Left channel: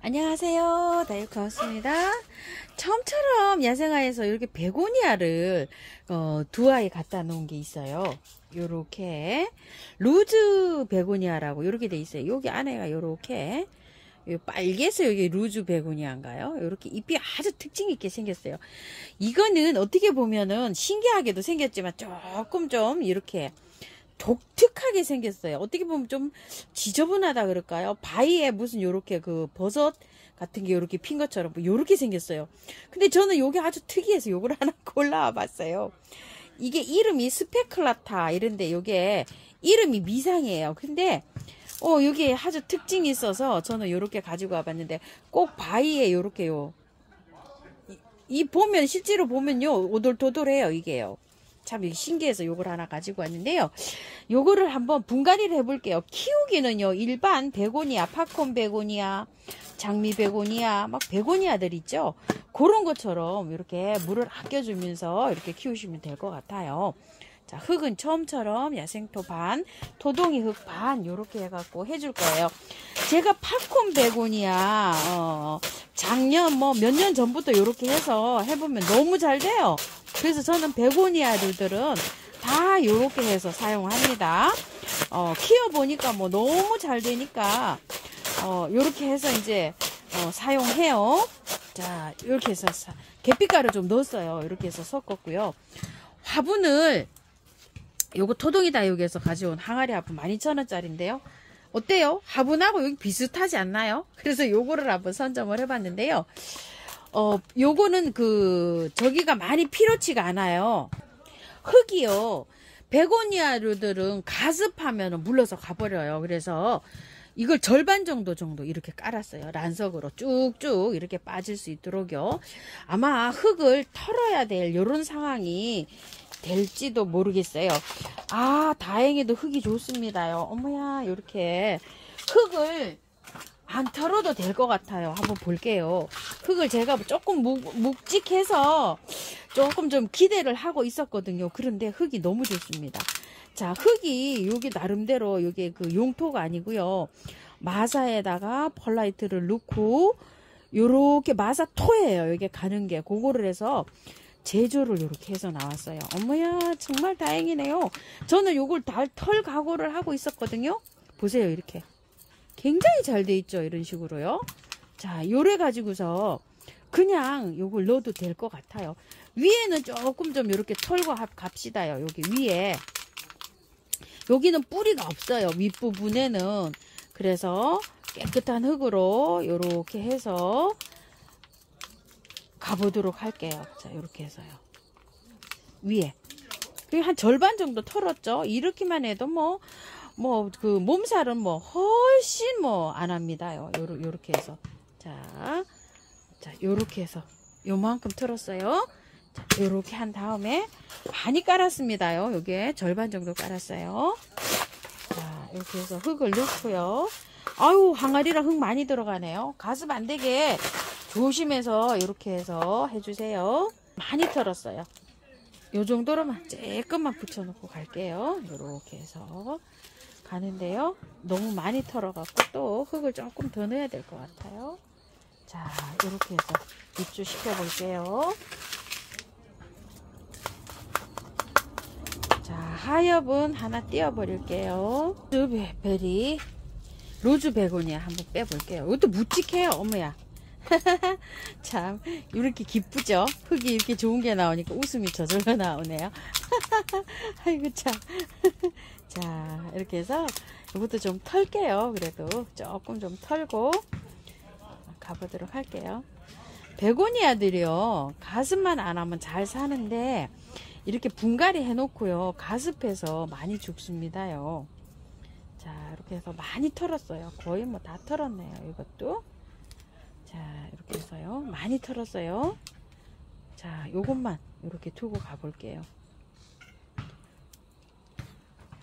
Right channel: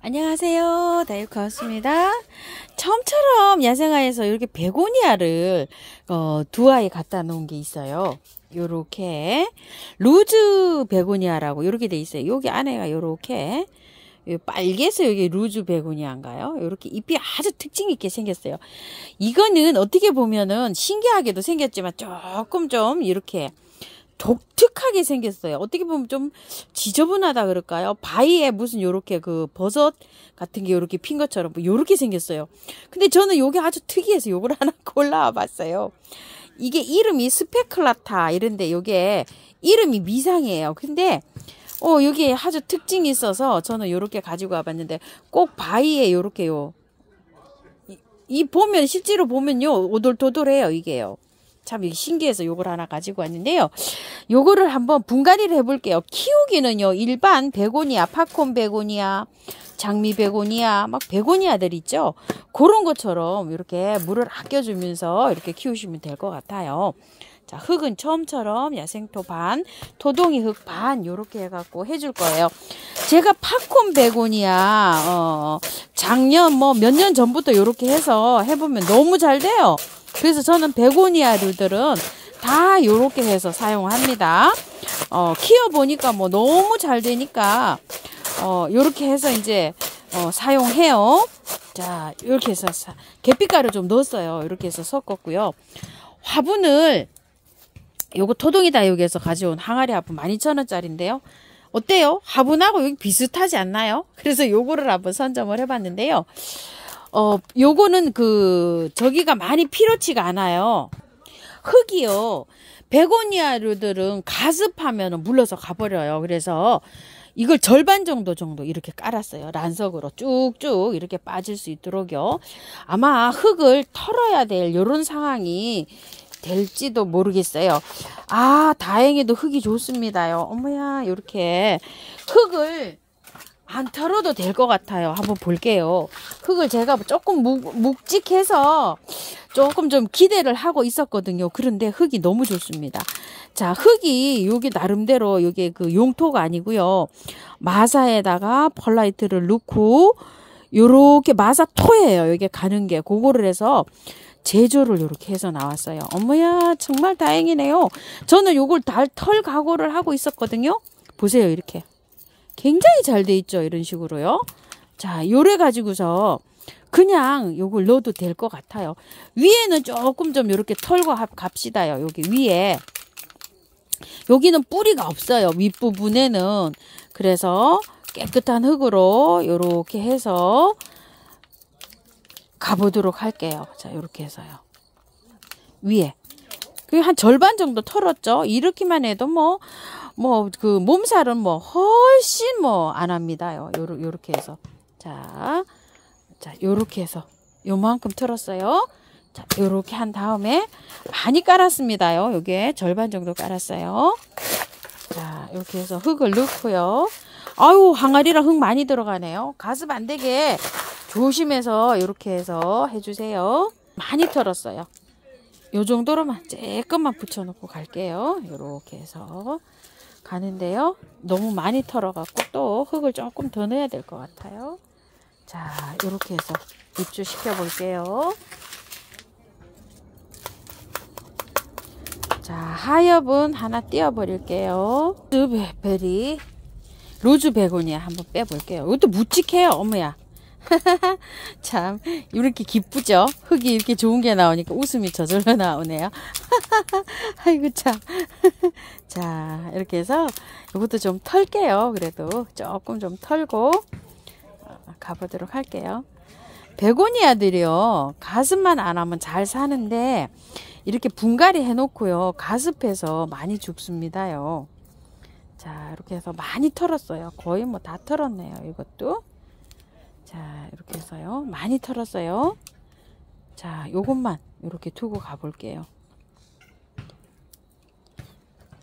안녕하세요. 다육하우스입니다. 처음처럼 야생화에서 이렇게 베고니아를 두 아이 갖다 놓은 게 있어요. 요렇게 루즈 베고니아라고 요렇게 돼 있어요. 여기 안에가 요렇게 빨개서 여기 루즈 베고니아인가요? 요렇게 잎이 아주 특징 있게 생겼어요. 이거는 어떻게 보면은 신기하게도 생겼지만 조금 좀 이렇게 독특하게 생겼어요. 어떻게 보면 좀 지저분하다 그럴까요? 바위에 무슨 요렇게 그 버섯 같은 게 요렇게 핀 것처럼 요렇게 생겼어요. 근데 저는 요게 아주 특이해서 요걸 하나 골라와 봤어요. 이게 이름이 스페클라타 이런데 요게 이름이 미상이에요. 근데 요게 아주 특징이 있어서 저는 요렇게 가지고 와봤는데 꼭 바위에 요렇게요. 이 보면 실제로 보면요 오돌도돌해요 이게요. 참 신기해서 요걸 하나 가지고 왔는데요. 요거를 한번 분갈이를 해볼게요. 키우기는요 일반 베고니아, 팝콘 베고니아, 장미 베고니아, 막 베고니아들 있죠. 그런 것처럼 이렇게 물을 아껴주면서 이렇게 키우시면 될 것 같아요. 자, 흙은 처음처럼 야생토 반, 토동이 흙 반 요렇게 해갖고 해줄 거예요. 제가 팝콘 베고니아 작년 뭐 몇 년 전부터 요렇게 해서 해보면 너무 잘 돼요. 그래서 저는 베고니아류들은 다 요렇게 해서 사용합니다. 키워보니까 뭐 너무 잘 되니까 요렇게 해서 이제 사용해요. 자, 이렇게 해서 계피가루 좀 넣었어요. 이렇게 해서 섞었고요. 화분을 요거 토동이 다육에서 가져온 항아리 화분 12,000원짜리인데요. 어때요? 화분하고 여기 비슷하지 않나요? 그래서 요거를 한번 선점을 해봤는데요. 요거는 저기가 많이 필요치가 않아요. 흙이요. 베고니아류들은 가습하면 물러서 가버려요. 그래서 이걸 절반 정도 이렇게 깔았어요. 란석으로 쭉쭉 이렇게 빠질 수 있도록요. 아마 흙을 털어야 될 요런 상황이 될지도 모르겠어요. 아, 다행히도 흙이 좋습니다요. 어머야, 이렇게 흙을 안 털어도 될 것 같아요. 한번 볼게요. 흙을 제가 조금 묵직해서 조금 좀 기대를 하고 있었거든요. 그런데 흙이 너무 좋습니다. 자, 흙이 여기 나름대로 여기 그 용토가 아니고요. 마사에다가 펄라이트를 넣고 요렇게 마사 토예요. 여기 가는 게 그거를 해서 제조를 이렇게 해서 나왔어요. 어머야, 정말 다행이네요. 저는 요걸 털 각오를 하고 있었거든요. 보세요, 이렇게. 굉장히 잘 돼 있죠. 이런 식으로요. 자, 요래 가지고서 그냥 요걸 넣어도 될 것 같아요. 위에는 조금 좀 이렇게 털고 갑시다요. 여기 위에. 여기는 뿌리가 없어요. 윗부분에는. 그래서 깨끗한 흙으로 요렇게 해서 가보도록 할게요. 자, 요렇게 해서요. 위에. 한 절반 정도 털었죠. 이렇게만 해도 그 몸살은 훨씬 안 합니다요. 요렇게 해서. 자, 요렇게 해서 요만큼 털었어요. 자, 요렇게 한 다음에 많이 깔았습니다요. 요게 절반 정도 깔았어요. 자, 이렇게 해서 흙을 넣고요. 아유, 항아리랑 흙 많이 들어가네요. 가습 안 되게 조심해서 이렇게 해서 해주세요. 많이 털었어요. 요 정도로만 조금만 붙여놓고 갈게요. 이렇게 해서 가는데요. 너무 많이 털어갖고 또 흙을 조금 더 넣어야 될 것 같아요. 자, 이렇게 해서 입주시켜 볼게요. 자, 하엽은 하나 띄워 버릴게요. 루즈 베고니아 한번 빼볼게요. 이것도 묵직해요. 어머야. 참 이렇게 기쁘죠. 흙이 이렇게 좋은 게 나오니까 웃음이 저절로 나오네요. 아이고 참. 자, 이렇게 해서 이것도 좀 털게요. 그래도 조금 좀 털고 가보도록 할게요. 베고니아들이요 가습만 안 하면 잘 사는데 이렇게 분갈이 해 놓고요 가습해서 많이 죽습니다요. 자, 이렇게 해서 많이 털었어요. 거의 다 털었네요. 이것도. 자, 이렇게 해서요. 많이 털었어요. 자, 요것만 이렇게 두고 가볼게요.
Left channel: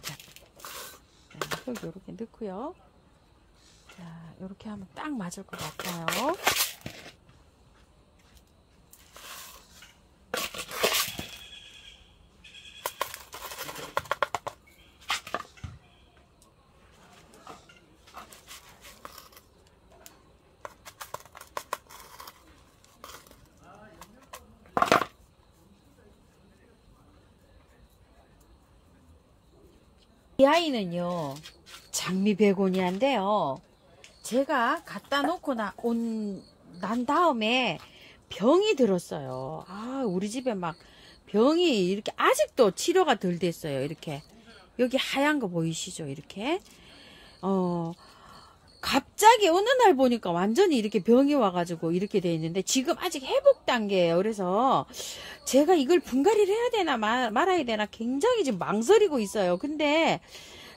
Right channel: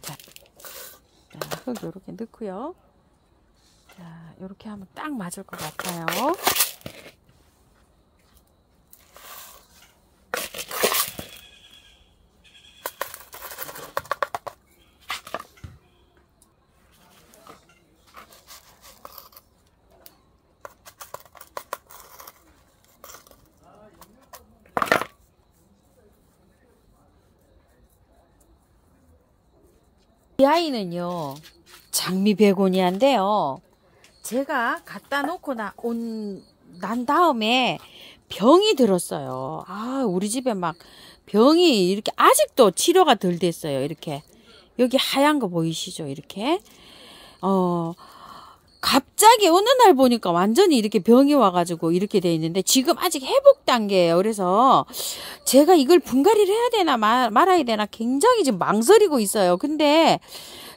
자, 흙 이렇게 넣고요. 자, 이렇게 하면 딱 맞을 것 같아요. 아이는요, 장미 베고니아인데요. 제가 갖다 놓고 난 다음에 병이 들었어요. 아, 우리 집에 막 병이 이렇게 아직도 치료가 덜 됐어요. 이렇게. 여기 하얀 거 보이시죠? 이렇게. 갑자기 어느 날 보니까 완전히 이렇게 병이 와가지고 이렇게 돼 있는데 지금 아직 회복 단계예요. 그래서 제가 이걸 분갈이를 해야 되나 말아야 되나 굉장히 지금 망설이고 있어요. 근데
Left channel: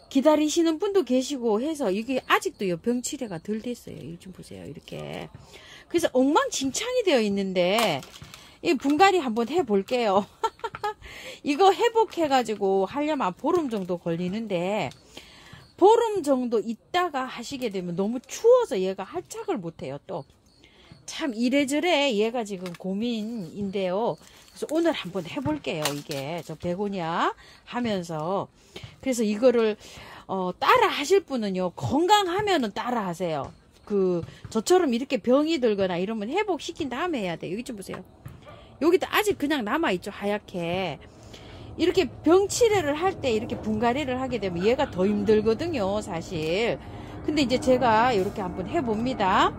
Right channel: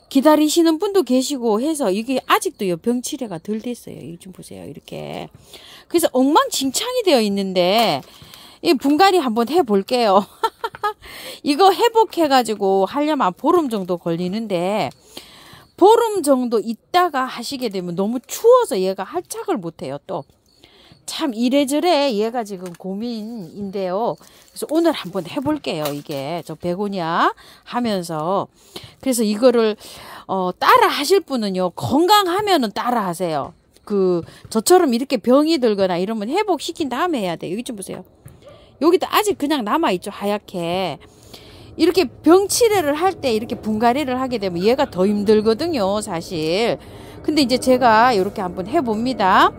기다리시는 분도 계시고 해서 이게 아직도 병 치료가 덜 됐어요. 이거 좀 보세요. 이렇게. 그래서 엉망진창이 되어 있는데 이 분갈이 한번 해볼게요. 이거 회복해가지고 하려면 보름 정도 걸리는데 보름 정도 있다가 하시게 되면 너무 추워서 얘가 할착을 못해요. 또 참 이래저래 얘가 지금 고민인데요. 그래서 오늘 한번 해볼게요. 이게 저 베고니아 하면서. 그래서 이거를 따라 하실 분은요, 건강하면은 따라 하세요. 저처럼 이렇게 병이 들거나 이러면 회복시킨 다음에 해야 돼요. 여기 좀 보세요. 여기도 아직 그냥 남아있죠. 하얗게. 이렇게 병 치료를 할 때 이렇게 분갈이를 하게 되면 얘가 더 힘들거든요, 사실. 근데 이제 제가 이렇게 한번 해봅니다.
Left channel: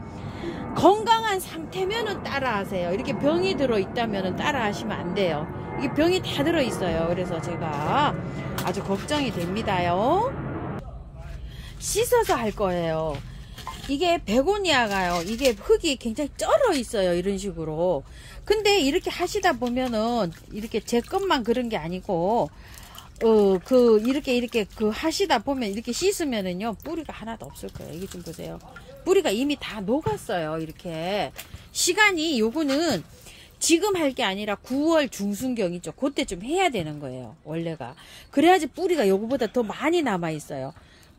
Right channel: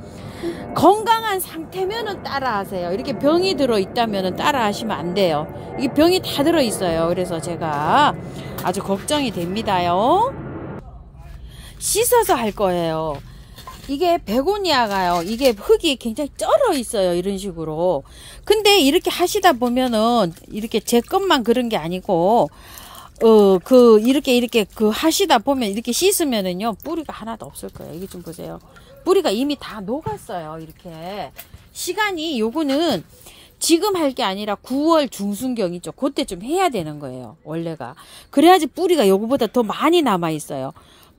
건강한 상태면은 따라 하세요. 이렇게 병이 들어있다면은 따라 하시면 안 돼요. 이게 병이 다 들어있어요. 그래서 제가 아주 걱정이 됩니다요. 씻어서 할 거예요. 이게 베고니아가요, 이게 흙이 굉장히 쩔어 있어요. 이런 식으로. 근데 이렇게 하시다 보면은 이렇게 제 것만 그런 게 아니고 이렇게 하시다 보면 이렇게 씻으면은요, 뿌리가 하나도 없을 거예요. 이게 좀 보세요. 뿌리가 이미 다 녹았어요. 이렇게. 시간이 요거는 지금 할 게 아니라 9월 중순경이죠. 그때 좀 해야 되는 거예요. 원래가. 그래야지 뿌리가 요거보다 더 많이 남아 있어요.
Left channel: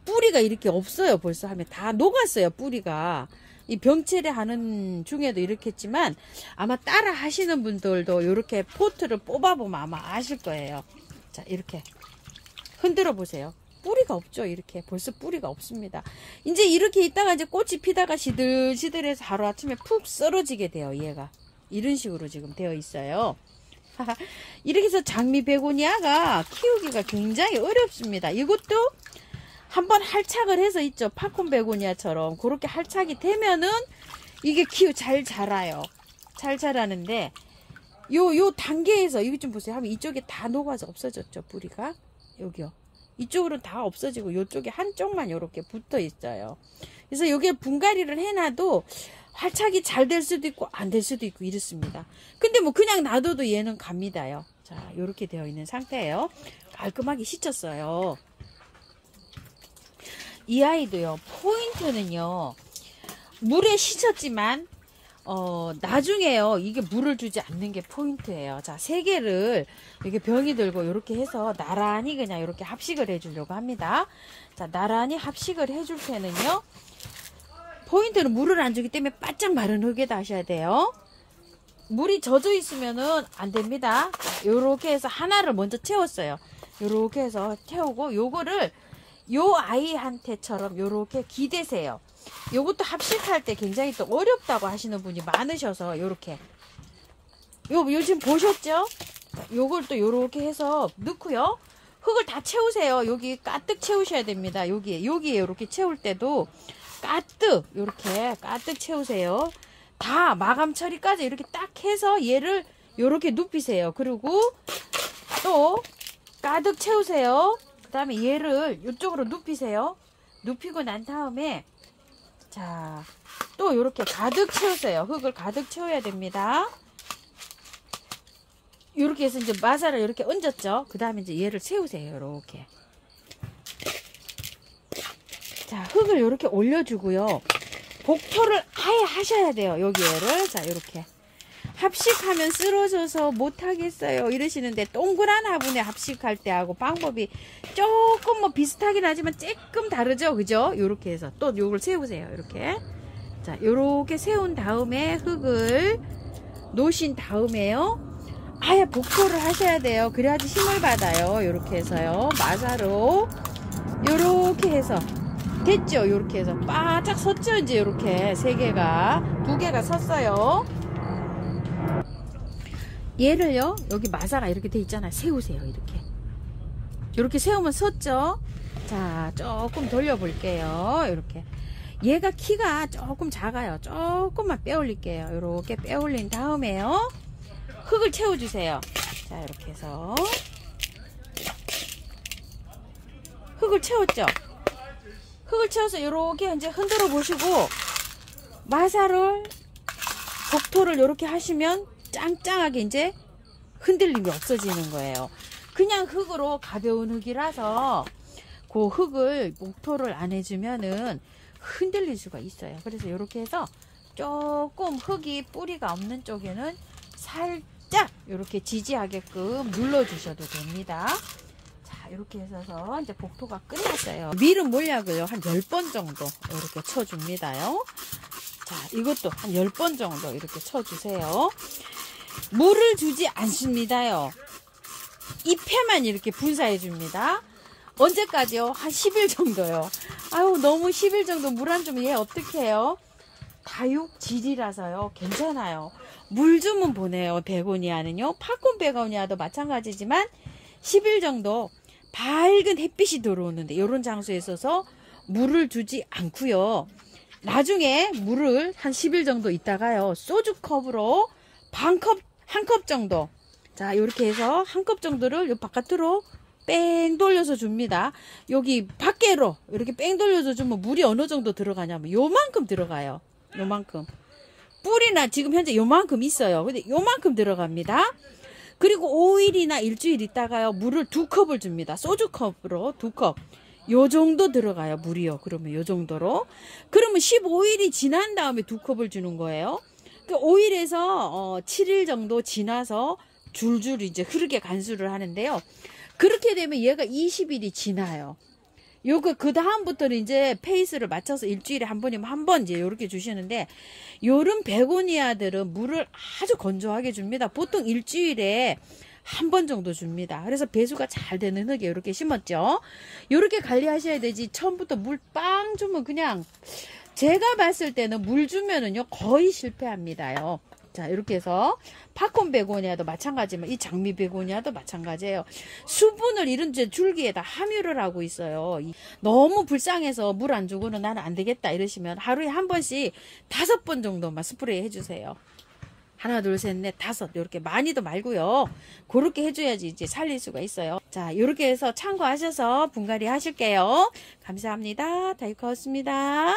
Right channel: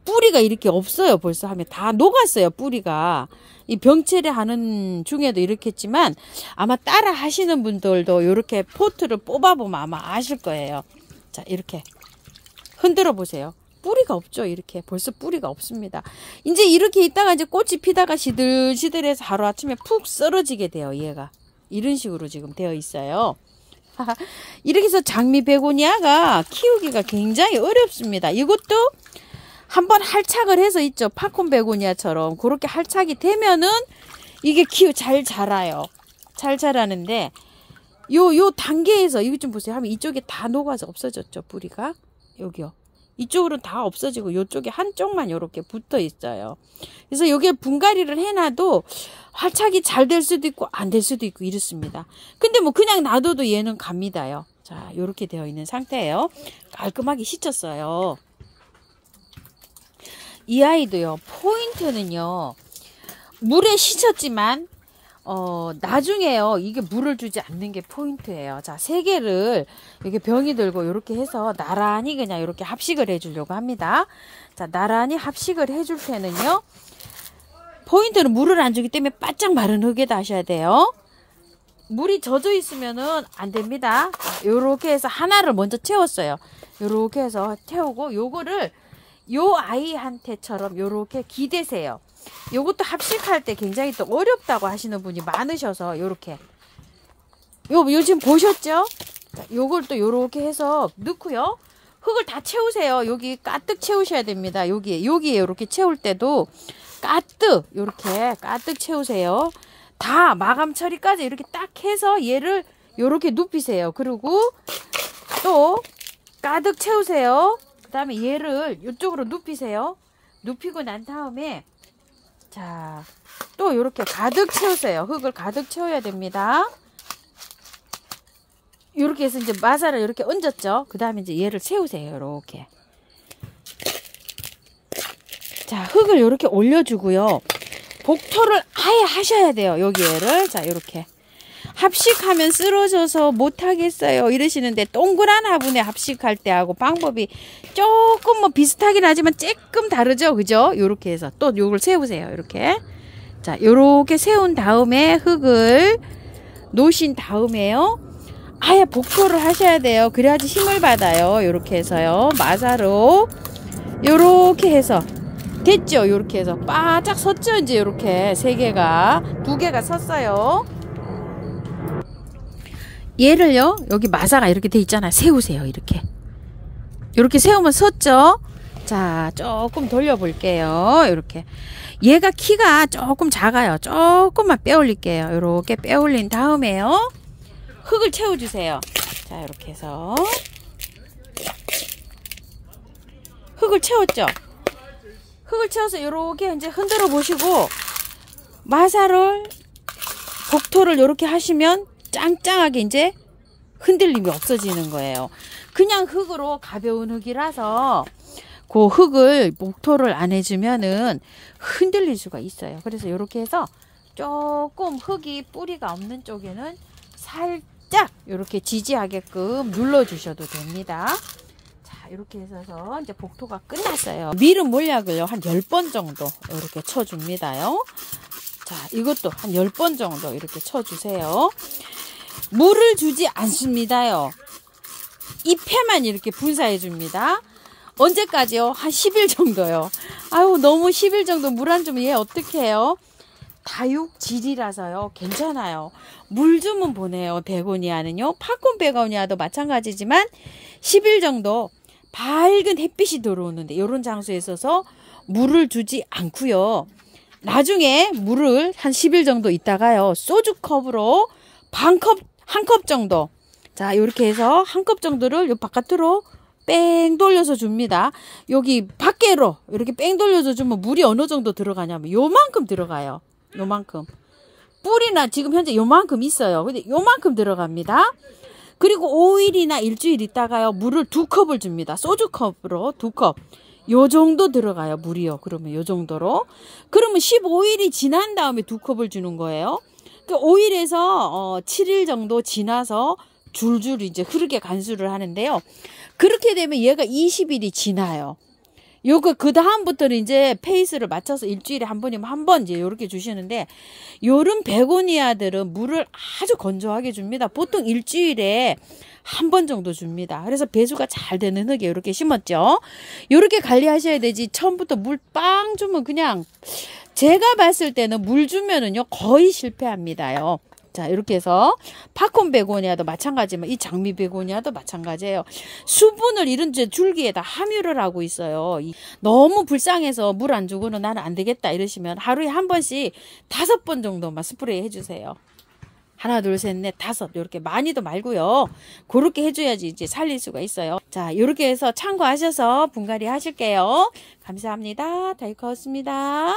뿌리가 이렇게 없어요. 벌써 하면 다 녹았어요. 뿌리가. 이 병치료 하는 중에도 이렇게 했지만 아마 따라 하시는 분들도 이렇게 포트를 뽑아보면 아마 아실 거예요. 자, 이렇게 흔들어 보세요. 뿌리가 없죠. 이렇게 벌써 뿌리가 없습니다. 이제 이렇게 있다가 이제 꽃이 피다가 시들시들해서 하루아침에 푹 썰어지게 돼요. 얘가 이런 식으로 지금 되어 있어요. 이렇게 해서 장미 베고니아가 키우기가 굉장히 어렵습니다. 이것도 한번 할착을 해서 있죠. 팝콘 베고니아처럼 그렇게 할착이 되면은 이게 잘 자라요. 잘 자라는데 요 단계에서 이거 좀 보세요. 하면 이쪽에 다 녹아서 없어졌죠. 뿌리가. 여기요. 이쪽으로는 다 없어지고 이쪽에 한쪽만 이렇게 붙어 있어요. 그래서 여기에 분갈이를 해놔도 활착이 잘 될 수도 있고 안 될 수도 있고 이렇습니다. 근데 뭐 그냥 놔둬도 얘는 갑니다요. 자, 이렇게 되어 있는 상태예요. 깔끔하게 씻었어요. 이 아이도요, 포인트는요, 물에 씻었지만 나중에요, 이게 물을 주지 않는 게 포인트예요. 자, 3개를 이렇게 병이 들고 이렇게 해서 나란히 그냥 이렇게 합식을 해주려고 합니다. 자, 나란히 합식을 해줄 때는요, 포인트는 물을 안 주기 때문에 바짝 마른 흙에다 하셔야 돼요. 물이 젖어 있으면은 안 됩니다. 요렇게 해서 하나를 먼저 채웠어요. 요렇게 해서 채우고 요거를 요 아이한테처럼 요렇게 기대세요. 요것도 합식할 때 굉장히 또 어렵다고 하시는 분이 많으셔서 요렇게 요즘 보셨죠? 요걸 또 요렇게 해서 넣고요. 흙을 다 채우세요. 여기 가득 채우셔야 됩니다. 여기에 요렇게 채울 때도 가득 요렇게 가득 채우세요. 다 마감 처리까지 이렇게 딱 해서 얘를 요렇게 눕히세요. 그리고 또 가득 채우세요. 그 다음에 얘를 이쪽으로 눕히세요. 눕히고 난 다음에 자, 또 이렇게 가득 채우세요. 흙을 가득 채워야 됩니다. 이렇게 해서 이제 마사를 이렇게 얹었죠. 그 다음에 이제 얘를 채우세요. 이렇게. 자, 흙을 이렇게 올려주고요. 복토를 아예 하셔야 돼요. 여기를. 자, 이렇게. 합식하면 쓰러져서 못하겠어요 이러시는데 동그란 화분에 합식할 때하고 방법이 조금 뭐 비슷하긴 하지만 조금 다르죠. 그죠? 요렇게 해서 또 요걸 세우세요. 이렇게. 자, 요렇게 세운 다음에 흙을 놓으신 다음에요. 아예 복토를 하셔야 돼요. 그래야지 힘을 받아요. 요렇게 해서요. 마사로 요렇게 해서 됐죠? 요렇게 해서 바짝 섰죠? 이제 요렇게 3개가 2개가 섰어요. 얘를요, 여기 마사가 이렇게 돼 있잖아요. 세우세요. 이렇게 세우면 섰죠? 자, 조금 돌려볼게요. 이렇게. 얘가 키가 조금 작아요. 조금만 빼올릴게요. 이렇게 빼올린 다음에요. 흙을 채워주세요. 자, 이렇게 해서. 흙을 채웠죠? 흙을 채워서 이렇게 이제 흔들어 보시고, 마사를, 복토를 이렇게 하시면 짱짱하게 이제 흔들림이 없어지는 거예요. 그냥 흙으로 가벼운 흙이라서 그 흙을 목토를 안 해주면은 흔들릴 수가 있어요. 그래서 이렇게 해서 조금 흙이 뿌리가 없는 쪽에는 살짝 이렇게 지지하게끔 눌러주셔도 됩니다. 자, 이렇게 해서 이제 복토가 끝났어요. 미름 몰약을요, 한 10번 정도 이렇게 쳐줍니다요. 자, 이것도 한 10번 정도 이렇게 쳐주세요. 물을 주지 않습니다요. 잎에만 이렇게 분사해 줍니다. 언제까지요? 한 10일 정도요. 아유, 너무 10일 정도 물 안 주면 얘 어떻게 해요? 다육질이라서요. 괜찮아요. 물 주면 보내요. 베고니아는요. 팝콘 베고니아도 마찬가지지만 10일 정도 밝은 햇빛이 들어오는데 이런 장소에 있어서 물을 주지 않고요. 나중에 물을 한 10일 정도 있다가요. 소주컵으로 한 컵 정도. 자, 이렇게 해서 한 컵 정도를 요 바깥으로 뺑 돌려서 줍니다. 여기 밖으로 이렇게 뺑 돌려서 주면 물이 어느 정도 들어가냐면 요만큼 들어가요. 요만큼. 뿌리나 지금 현재 요만큼 있어요. 근데 요만큼 들어갑니다. 그리고 5일이나 일주일 있다가요. 물을 2컵을 줍니다. 소주컵으로 2컵. 요 정도 들어가요. 물이요. 그러면 요 정도로. 그러면 15일이 지난 다음에 2컵을 주는 거예요. 5일에서 7일 정도 지나서 줄줄 이제 흐르게 간수를 하는데요. 그렇게 되면 얘가 20일이 지나요. 요거 그 다음부터는 이제 페이스를 맞춰서 일주일에 한 번이면 한 번 이제 요렇게 주시는데, 요런 베고니아들은 물을 아주 건조하게 줍니다. 보통 일주일에 한 번 정도 줍니다. 그래서 배수가 잘 되는 흙에 이렇게 심었죠. 요렇게 관리하셔야 되지 처음부터 물 빵 주면 그냥 제가 봤을 때는 물 주면은요 거의 실패합니다요. 자, 이렇게 해서 팝콘 베고니아도 마찬가지지만 이 장미 베고니아도 마찬가지예요. 수분을 이런 줄기에다 함유를 하고 있어요. 너무 불쌍해서 물 안 주고는 나는 안 되겠다 이러시면 하루에 한 번씩 5번 정도만 스프레이 해주세요. 하나, 둘, 셋, 넷, 5 이렇게 많이도 말고요. 그렇게 해줘야지 이제 살릴 수가 있어요. 자, 이렇게 해서 참고하셔서 분갈이 하실게요. 감사합니다. 다육하였습니다.